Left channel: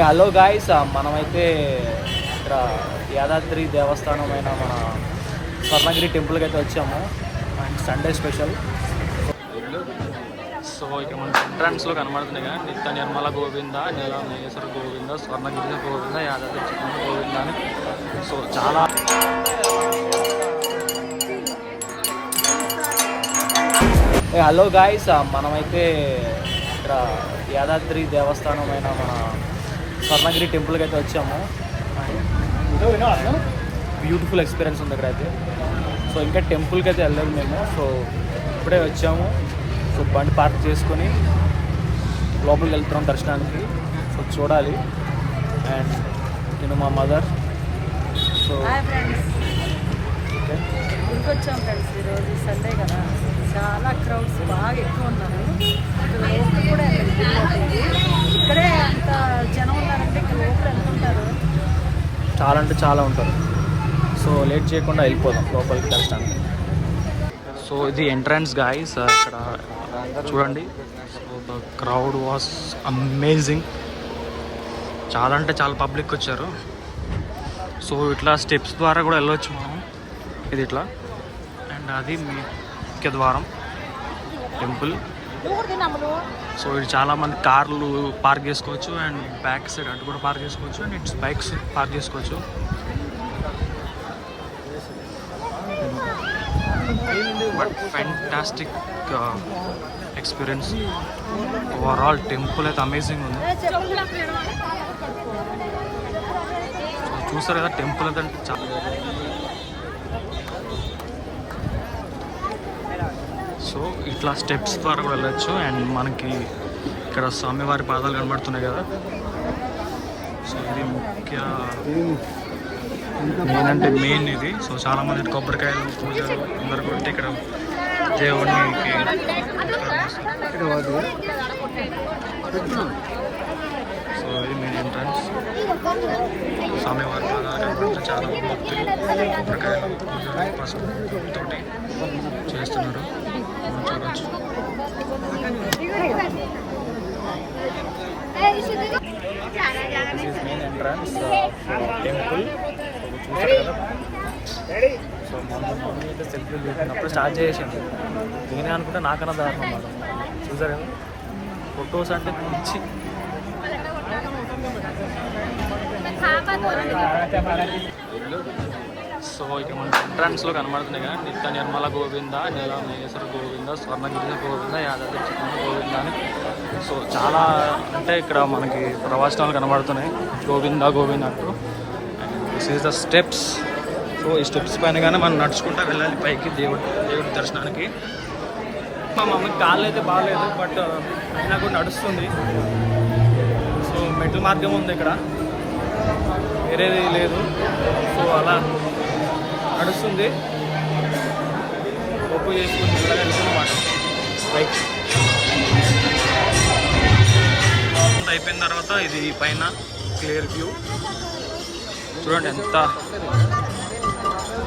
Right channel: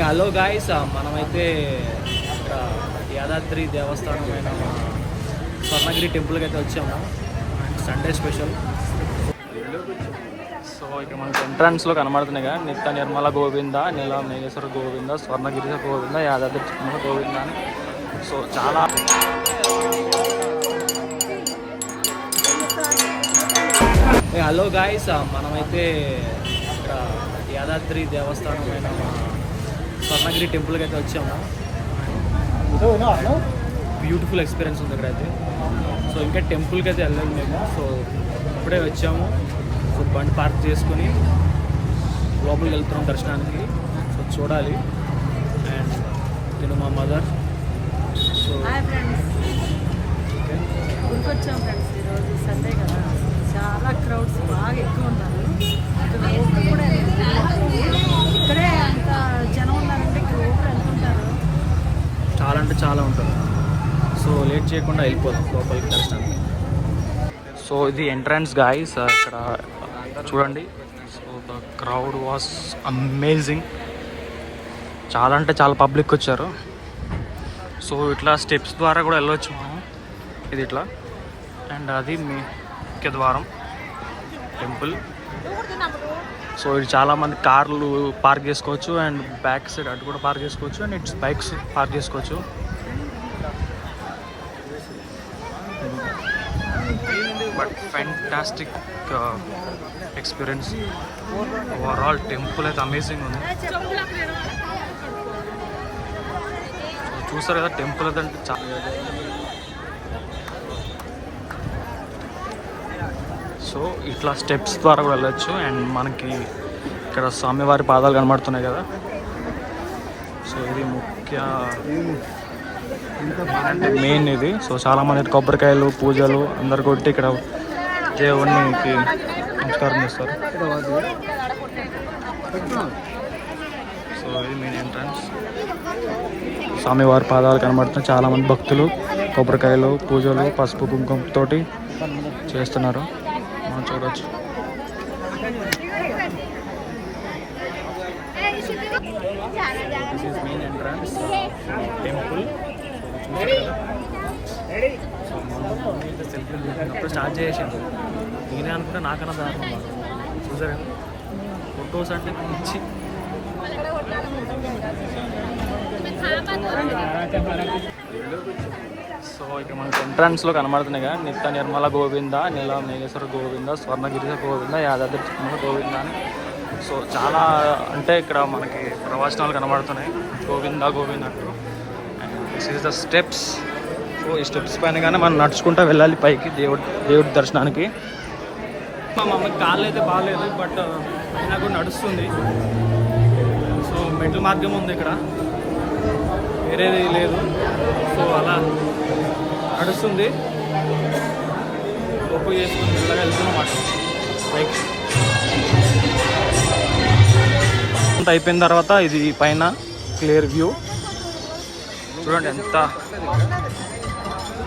Hello guys, మనమైతే ఇక్కడ యాదాద్రి దేవస్థానమైన మన స్వర్ణగిరి టెంపుల్కి అయితే వచ్చాము. And Sunday special. సో ఇక్కడ మనకి ఎంట్రన్స్లో కనబడుతున్నాయి కదా, నిత్య నిర్మల గోవింద, నీల మేఘేశ్వర గోవింద, స్వర్ణగిరి గోవింద, యాదాద్రి చిన్న గోవింద అని. సో చాలా హలో గాయ్స్, మనమైతే ఇక్కడ యాదాద్రి దేవస్థానమైన మన స్వర్ణగిరి టెంపుల్కి అయితే వచ్చాము. బ్యూటిఫుల్ ఎక్స్పీరియన్స్ ఉంది ఇక్కడ అయితే. సో ఇంకా టెంపుల్కి అయితే వెళ్ళలేదు మేము. సో ఇప్పుడే వచ్చాము. సో బండి పార్క్ చేసుకొని లోపలికి వెళ్తున్నాం దర్శనానికి. సో చూడాలి. అండ్ నేను మా మదర్. సో ఓకే, గుడికొచ్చాం ఫ్రెండ్స్. ఈరోజు సండే కదా, చాలా క్రౌడ్స్ బాగా ఎక్కువ ఉన్నారు. అసలు లోపల కూడా వెళ్ళలేదు. ఇక్కడే అంత జనం ఉన్నారంటే ఇక్కడ లోపల ఎంత ఉంటారు? చాలా అంటే చాలా ఉంటారు. సో లేట్ చేయకుండా వెళ్ళిపోదాం లోపలికి దర్శనానికి. సో ఇది ఎంట్రన్స్ గాయ్స్. ఇక్కడ చూడండి. So the crowd was amazing. చాలా అంటే చాలా పబ్లిక్ వచ్చారు. సో ఇట్లా స్టెప్స్ ద్వారా కూడా వెళ్ళవచ్చు మనం. ఇది ఇట్లా. అండ్ అది ముఖ్య ద్వారం టెంపుల్. సో ఇది చాలామంది కార్లు పార్క్ చేసుకోవచ్చు. అండ్ బ్యాక్ సైడ్ అటు కూడా పార్క్ చేసుకోవచ్చు. అండ్ ఇట్స్ బైక్స్ పార్క్ చేసుకోవచ్చు. But fantastic experience. Overall temple అయితే అమేజింగ్ ఉంది. సో చూసారు కదా, టెంపుల్ అయితే అంటే చాలా. సో ఇట్లా స్టెప్స్ ద్వారా కూడా వెళ్ళచ్చు. అండ్ మనకి ఇక్కడ స్వామివారి పాదాలు కనబడుతున్నాయి కదా. సో ఇది ముఖ్య ఏంటంటే మెయిన్ ఇది. సో చాలామంది కొబ్బరికాయలు పూజలు అందరు కొట్టి ఇక్కడ దేవునికి నమస్కారం చేస్తారు. సో ఇది మెయిన్ ఎంట్రన్స్. స్వామివారి పాదాలు కనబడుతున్నాయి. చాలామంది భక్తులు కొబ్బరికాయలు పూజలు పసుపు కుంకుమతోటి చేస్తున్నారు. మనం చూడవచ్చు. This is main entrance temple. So చూసారు కదా. సో మమ్మీ అయితే సెల్ఫీలు తీసుకున్నప్పుడు స్టార్ట్ చేసింది. నేనే అనుకుంటే నాకన్నా దారుణం అన్నమాట. చూసారు కదా, ఫొటోస్ అంటే పిచ్చి. సో ఇక్కడ మనకి ఎంట్రన్స్లో కనబడుతున్నాయి కదా, నిత్య నిర్మల గోవింద, నీల మేఘేశ్వర గోవింద, స్వర్ణగిరి గోవింద, యాదాద్రి చిన్న గోవింద అని. సో చాలా అంటే ఇక్కడ మనకి ప్రవచనాలు కనబడుతున్నాయి గోవింద గోవింద అంటూ. And this is the steps. So ఈ స్టెప్స్ పైన కానీ మనం నడుచుకుంటూ వెళ్ళాలి పైకి దేవుడి దర్శనానికి. మా మమ్మీకి కాళ్ళు అయితే బాగాలేదు, బట్ అయినా కూడా నడుస్తుంది. సో మెట్ల మార్గం ఉంది ఇక్కడ, వేరేది లేదు. సో అలా నడుస్తుంది. ఒప్పు చేసుకుని మెల్లగా వెళ్తున్నమాట బైక్. అయిపోయిన తర్వాత ఇది పైన క్లియర్ వ్యూ చూడండి ఎంత.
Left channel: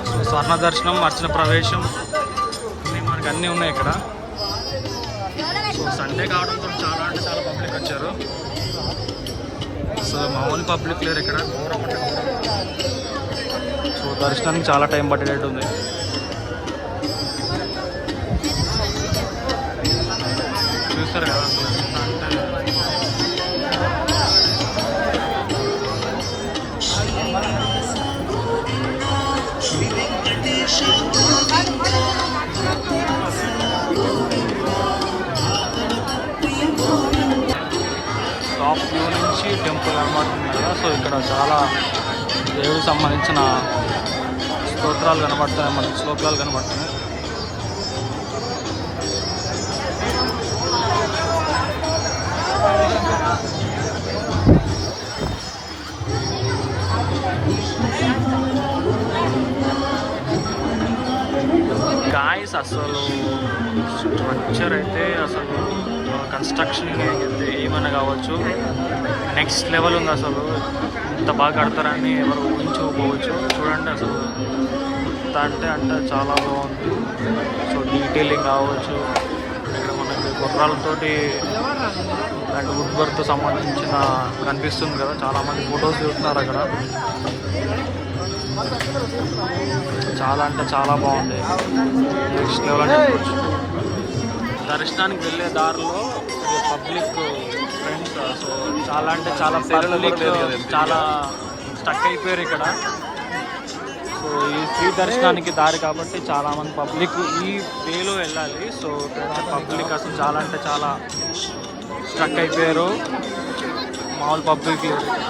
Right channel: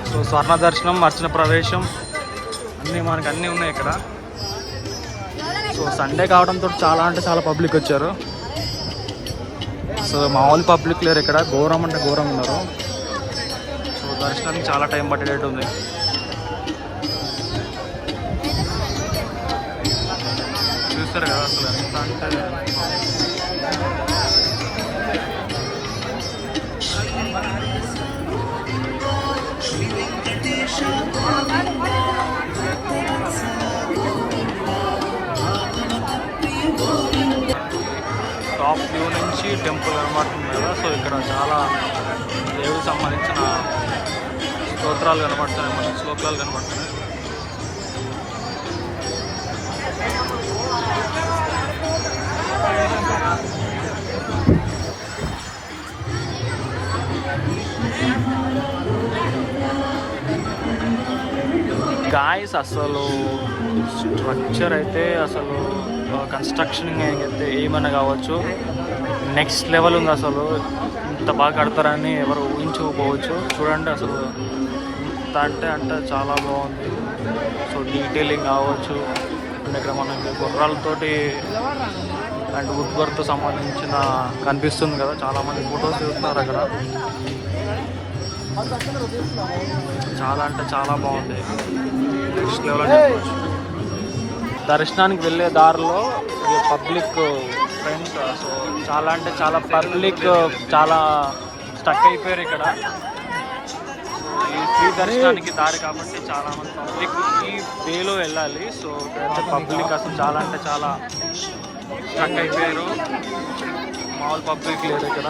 సో స్వర్ణ దర్శనం, అర్చన ప్రవేశం అన్నీ మనకి అన్నీ ఉన్నాయి ఇక్కడ. సో సండే కావడంతో చాలా అంటే చాలా పబ్లిక్ వచ్చారు. సో మామూలు పబ్లిక్ లేరు ఇక్కడ, ఘోరం అంటే ఘోరం ఉన్నారు. సో దర్శనానికి చాలా టైం పట్టేటట్టు ఉంది. చూస్తారు కదా అసలు ఎంత అంటే. టాప్ వ్యూ నుంచి టెంపుల్ కనబడుతుంది కదా. సో ఇక్కడ చాలా దేవుడికి సంబంధించిన స్తోత్రాలు కనబడుతున్నాయి, మనకి శ్లోకాలు కనబడుతున్నాయి. గాయస్ అసలు స్ట్రక్చర్ అయితే అసలు కన్స్ట్రక్షన్ అయితే ఏమైనా కావచ్చు, నెక్స్ట్ లెవెల్ ఉంది. అసలు ఇంత బాగా కడతారని ఎవరు ఊహించకపోవచ్చు. చూడండి అసలు అంటే చాలా బాగుంది. సో డీటెయిలింగ్ కావచ్చు. ఇక్కడ మనకి గుర్రాలతోటి అండ్ వుడ్ వర్క్ సంబంధించిన కనిపిస్తుంది కదా, చాలామంది ఫొటోస్ దిగుతున్నారు అక్కడ. చాలా అంటే చాలా బాగుంది, నెక్స్ట్ లెవెల్ అని చెప్పవచ్చు. దర్శనానికి వెళ్ళే దారిలో ఇది పబ్లిక్ ఫ్రెండ్స్, సో చాలా అంటే చాలా పబ్లిక్ చాలా స్టక్ అయిపోయారు ఇక్కడ. సో ఈ ఫ్రీ దర్శనానికి దారి కాబట్టి చాలామంది పబ్లిక్ ఈ వేలో వెళ్ళాలి. సో ఇక్కడైతే పబ్లిక్ అసలు చాలా అంటే చాలా స్టక్ అయిపోయారు, మామూలు పబ్లిక్ లేదు ఇక్కడ.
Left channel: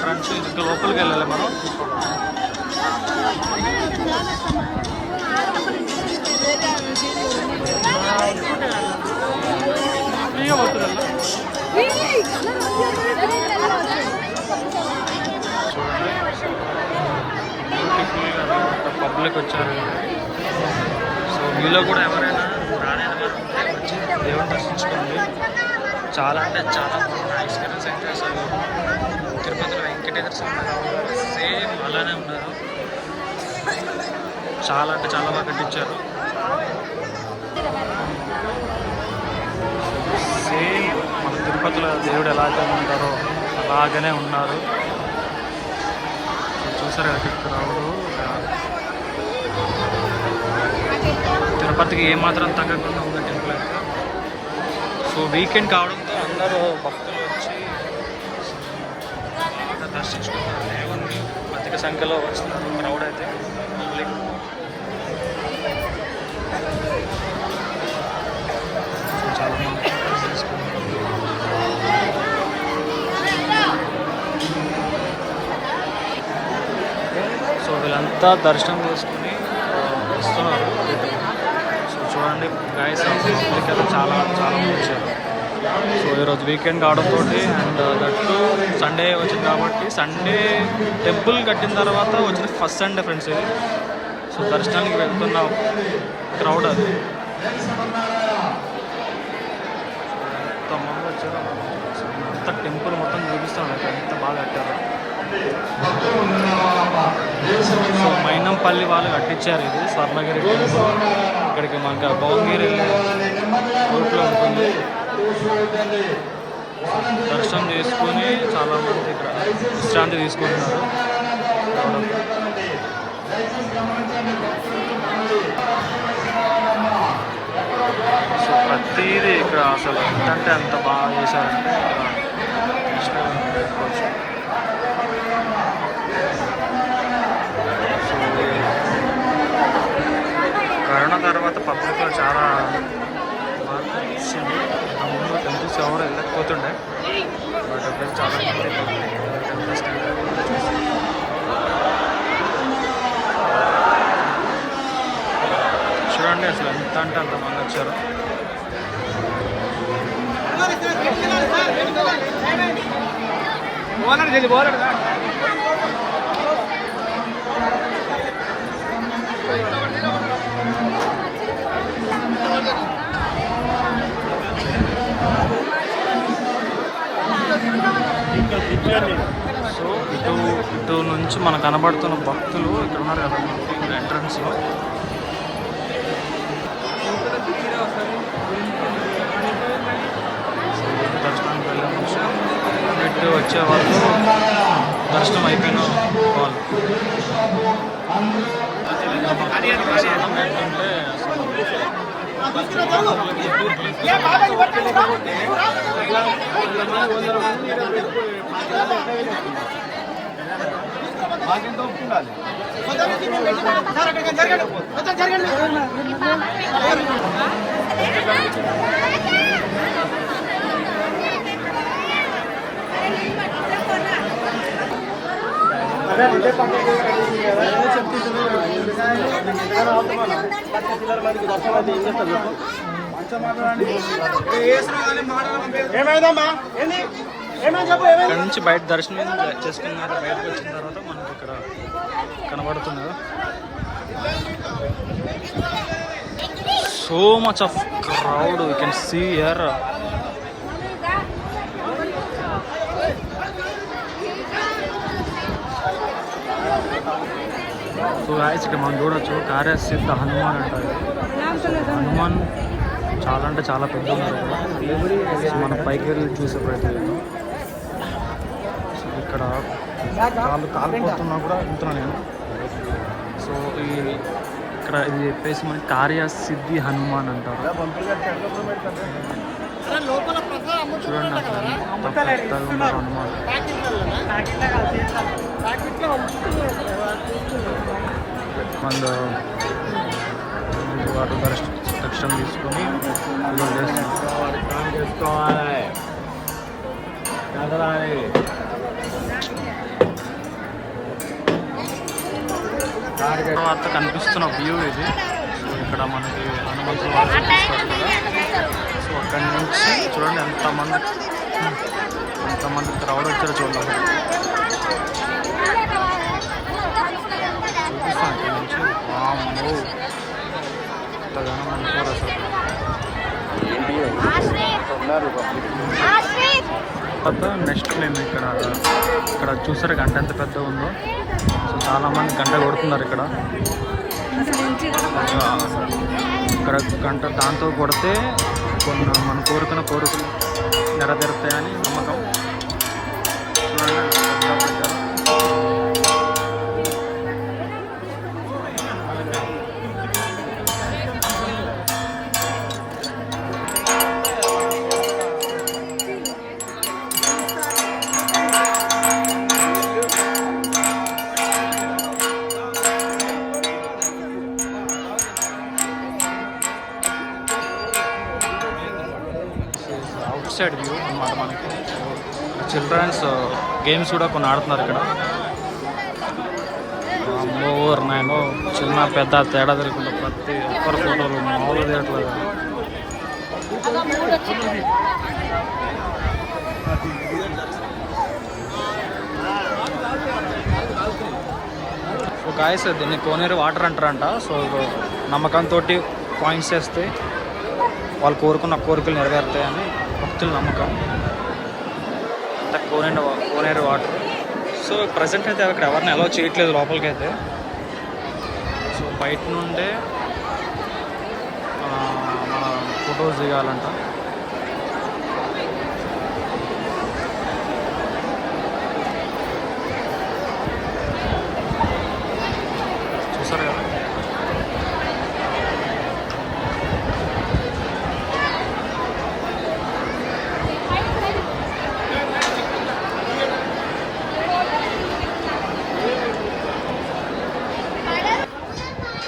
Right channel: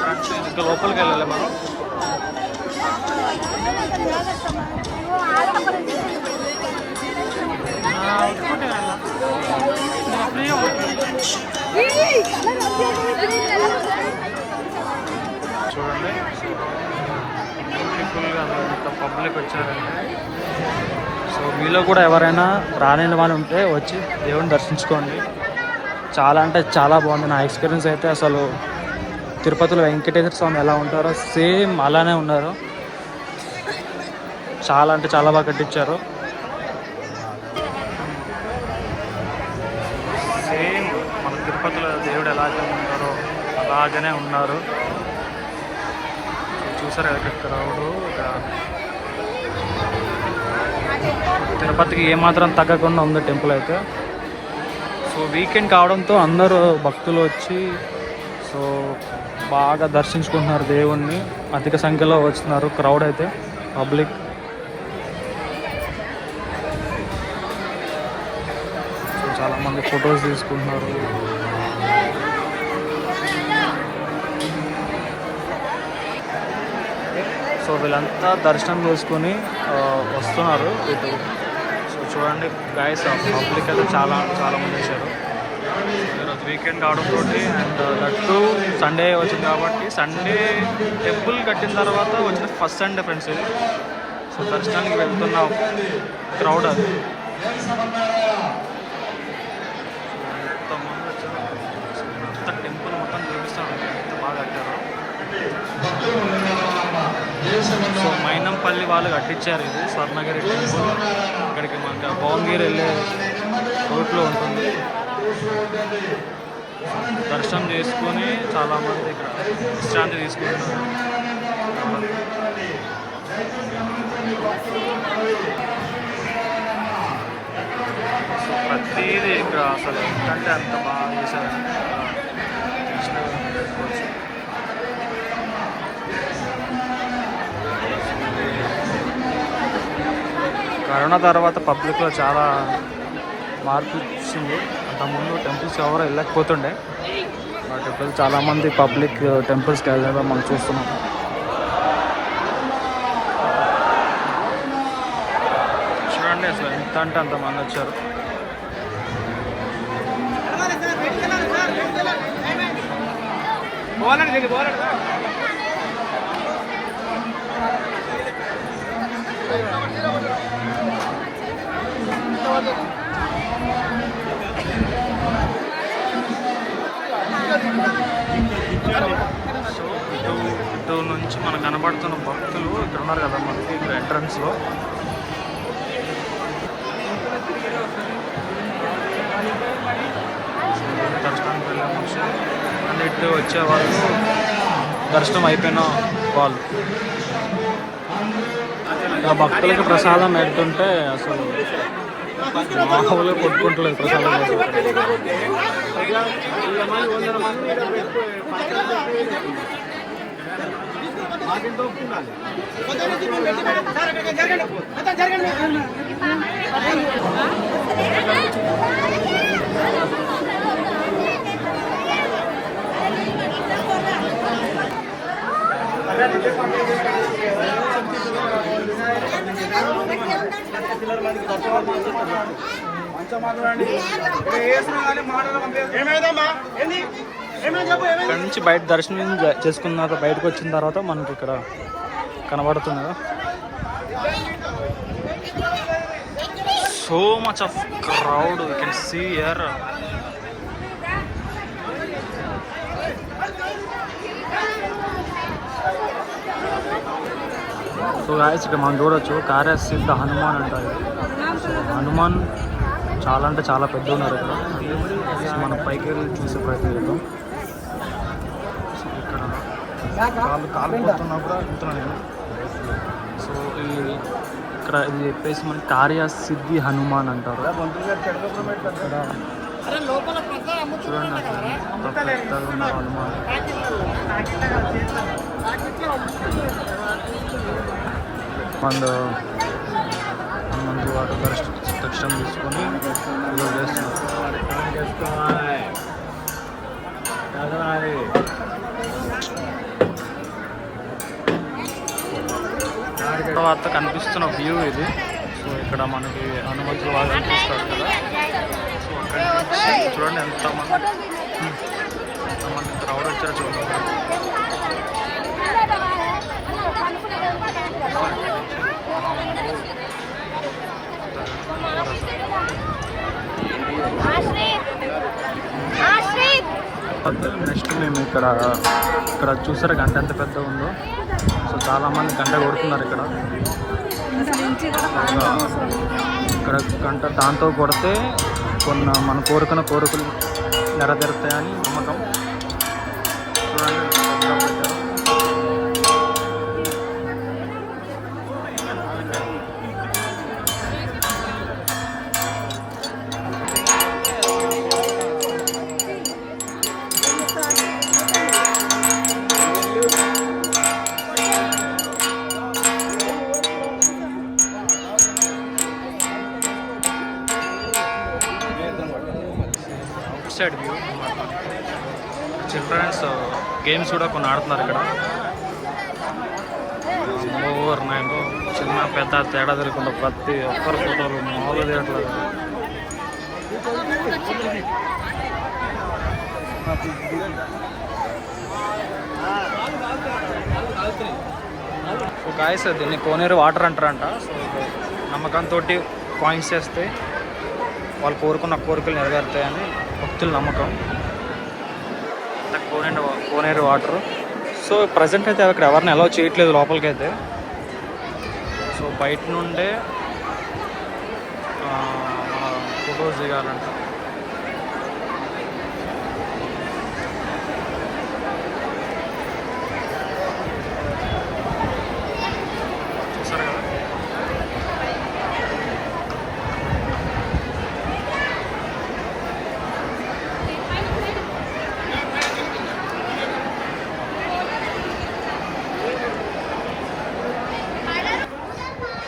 ఫ్రెండ్స్ ఇంకా లోపలికి వెళ్ళాలి మనం. చూడండి బ్యూటిఫుల్గా అంత పబ్లిక్ వచ్చారంటే. సో మీలో కూడా ఎవరైనా రాలేని వారు ఉంటే వచ్చి దేవుని దర్శించుకోండి. చాలా అంటే చాలా బాగుంది. నా ఎక్స్పీరియన్స్ అయితే అసలు తిరుపతిలో వెంకటేశ్వర స్వామి ఎలా ఉంటారో సేమ్ అలానే ఉన్నారు. చాలా అంటే చాలా బాగా కట్టించారు. సేమ్ మన తిరుపతిలో దేవుడు ఎలాగే ఉంటారో అలాగనే ఉన్నారు. సో చూసారు ఇక్కడ క్రౌడ్. ఇక్కడ తిరుపతికి ఏమాత్రం తగ్గకుండా ఉంది టెంపుల్ అయితే. సో వీకెండ్ కావడంతో అందరూ భక్తులు వచ్చి సో బాగా దర్శించుకుంటున్నారు దేవుణ్ణి. అధిక సంఖ్యలో వస్తున్నారు క్రౌడ్ అయితే, పబ్లిక్. సో చాలామంది ఫొటోస్ తీసుకుంటున్నారు. సో వీళ్ళంతా దర్శనం చేసుకుని వస్తున్నారు ఇటు. సో చూడండి గైస్, పబ్లిక్ అయితే చాలా మంది వచ్చారు. సో ఈరోజు వీకెండ్ కావడంతో అండ్ దట్టు సండే వచ్చింది కాబట్టి, సండే టెంపుల్ కట్టిన తర్వాత వచ్చిన ఫస్ట్ సండే ఫ్రెండ్స్ ఇది. సో దర్శనానికి వెళ్తున్న క్రౌడ్ అది. ఎంతమంది వచ్చారు. సో నేను అంత టెంపుల్ మొత్తం చూపిస్తాను అక్కడ ఎంత బాగా కట్టారో. సో మైనంపల్లి వాళ్ళు కట్టించారు ఇది స్వర్ణగిరి టెంపుల్. ఇక్కడికి మనకి భువనగిరి వెళ్ళే రూట్లో ఉంటుంది. దర్శనం చేసుకుని చాలామంది ఇక్కడ విశ్రాంతి తీసుకుంటున్నారు. సో ప్రతిదీ ఇక్కడ అసలు ఎంతంటే అంత బాగా చేశారంటే ఇక్కడ కరోనా తర్వాత పబ్లిక్లో చాలా మార్పు వచ్చింది. అంతకుముందు టెంపుల్స్ ఎవరు వెళ్ళకపోతుండే, బట్ ఇప్పుడు చాలామంది పబ్లిక్ టెంపుల్స్కి వెళ్ళడం మనం చూస్తున్నాం. చూడండి అసలు ఎంత అంటే అంతమంది వచ్చారు. సో ఇటు నుంచి మనకు కనబడుతున్న భక్తులు ఇక్కడ ఉన్నారు కదా మనకి ఇక్కడ ఎంట్రన్స్లో. దర్శనానికి వెళ్ళే మనుషులు అండ్ ఇటు వచ్చే వాళ్ళు దర్శనం అయిపోయిన వాళ్ళు. ఇంకా భక్తులకి ప్రసాదం పెడుతుంటే అసలు మామూలుగా కొట్టుకుంటలేదు ప్రసాదం. ఇక్కడ నుంచి బయట దర్శనం చేసుకున్న తర్వాత బయటకు వచ్చిన తర్వాత మనకి ఇక్కడ కనబడుతుంది కదా, so much of crowd you can see here. So guys ఇక్కడ మనం చూడొచ్చు కార్యసిద్ధ హనుమాన్ అంటారు. హనుమాన్ చాలా అంటే చాలా పెద్ద ఉన్నారు ఇక్కడ. మనం పైకి వెళ్ళి చూసే ప్రయత్నం చేద్దాం. ఇక్కడ కాలిపోతున్నా కూడా వెళ్తున్నాను నేను. సో ఇక్కడ ఇది చెప్పేసి మనకి కార్యసిద్ధి హనుమాన్ అంటారు. చూడండి అసలు ఎంత పెద్దగా ఉన్నారు హనుమాన్. మందు వాటి దర్శనం తీసుకొని పూజలు చేస్తున్నారు. తర్వాత కనిపిస్తున్న వ్యూ ఇది. సో ఇక్కడ మనకి హనుమంతులు బాగా కనిపిస్తారు కదా. సో అక్కడి నుంచి చూడండి ఎంతమంది క్రౌడ్ వచ్చారో చూడండి. చూపిస్తాను ఇక్కడ నుంచి. వామ్మో ఎంతగానో అనుకోరు అసలు. నెక్స్ట్ మేము ఇక్కడ చూసారా గంట ఎంత పెద్దగా ఉందో. సో చాలామంది గంట కొడుతున్నారు ఇక్కడ. గంట దాంతో కొడితే మన కోరికలు నెరవేరుతాయని నమ్మకం. చూడండి పెద్దగా పెట్టారు. అవుట్ సైడ్ వ్యూ అన్నమాట మనకి. చిల్డ్రన్స్ గేమ్స్ కూడా కొన్ని ఆడుతున్నారు ఇక్కడ. మోర్ నాయనో చిన్న పెద్ద తేడా తెలియకుండా ప్రతి ఒక్కరు ఫోటోలు మామూలు తీయట్లేదు. సో గాయస్ దీన్ని కోనేరు వాటర్ అంటారంట. సో నమ్మకంతో కాయిన్స్ వేస్తే వాళ్ళు కోరుకున్న కోరికలు నెరవేరుతాయని భక్తుల నమ్మకం. అంత కోనేరు వాటర్. సో ప్రజెంట్ అయితే అక్కడ ఎవరిని అలౌ చేయట్లేదు లోపలికి అయితే. సో బయట నుండే మన ఫొటోస్ దిగాలంట. చూసారు కదా.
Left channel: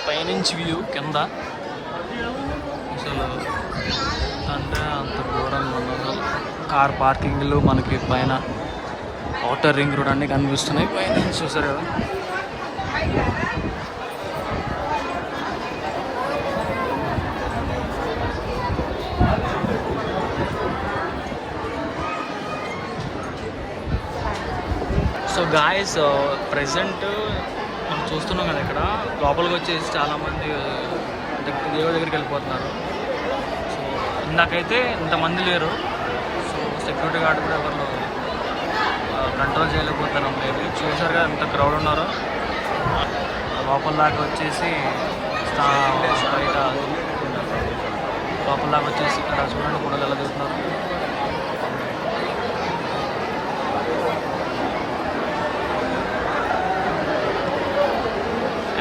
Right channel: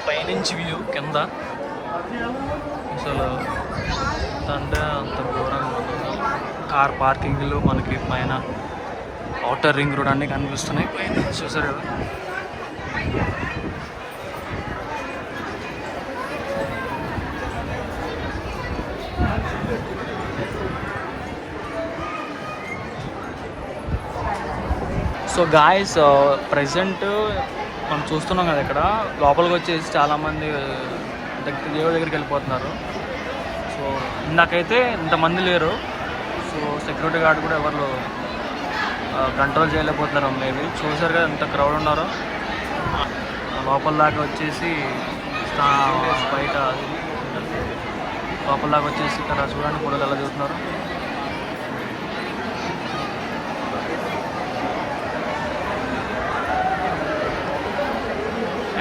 పైనుంచి వ్యూ కింద అసలు అంటే అంత ఘోరంగా ఉండదు. కార్ పార్కింగ్లు మనకి పైన ఔటర్ రింగ్ రోడ్ అన్నీ కనిపిస్తున్నాయి పైన. చూసారు కదా. సో గాయస్ ప్రెసెంట్ మనం చూస్తున్నాం కదా ఇక్కడ లోపలికి వచ్చేసి చాలామంది దేవుడి దగ్గరికి వెళ్ళిపోతున్నారు. సో ఇందాకైతే ఇంతమంది లేరు. సో సెక్యూరిటీ గార్డ్ కూడా ఎవరు కంట్రోల్ చేయలేకపోతున్నారు మేబీ. చూసారు కదా ఎంత క్రౌడ్ ఉన్నారో. లోపల దాకా వచ్చేసి బయట లోపల దాకా వచ్చేసి ఇక్కడ చూడండి ఫోటోలు ఎలా దిగుతున్నారు.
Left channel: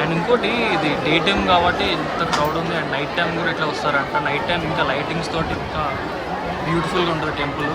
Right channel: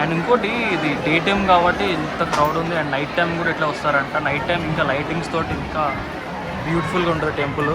అండ్ ఇంకోటి ఇది డే టైం కాబట్టి ఇంత క్రౌడ్ ఉంది. అండ్ నైట్ టైం కూడా ఇట్లా వస్తారంట. నైట్ టైం ఇంకా లైటింగ్స్ తోటి ఇంకా బ్యూటిఫుల్గా ఉంటుంది టెంపుల్.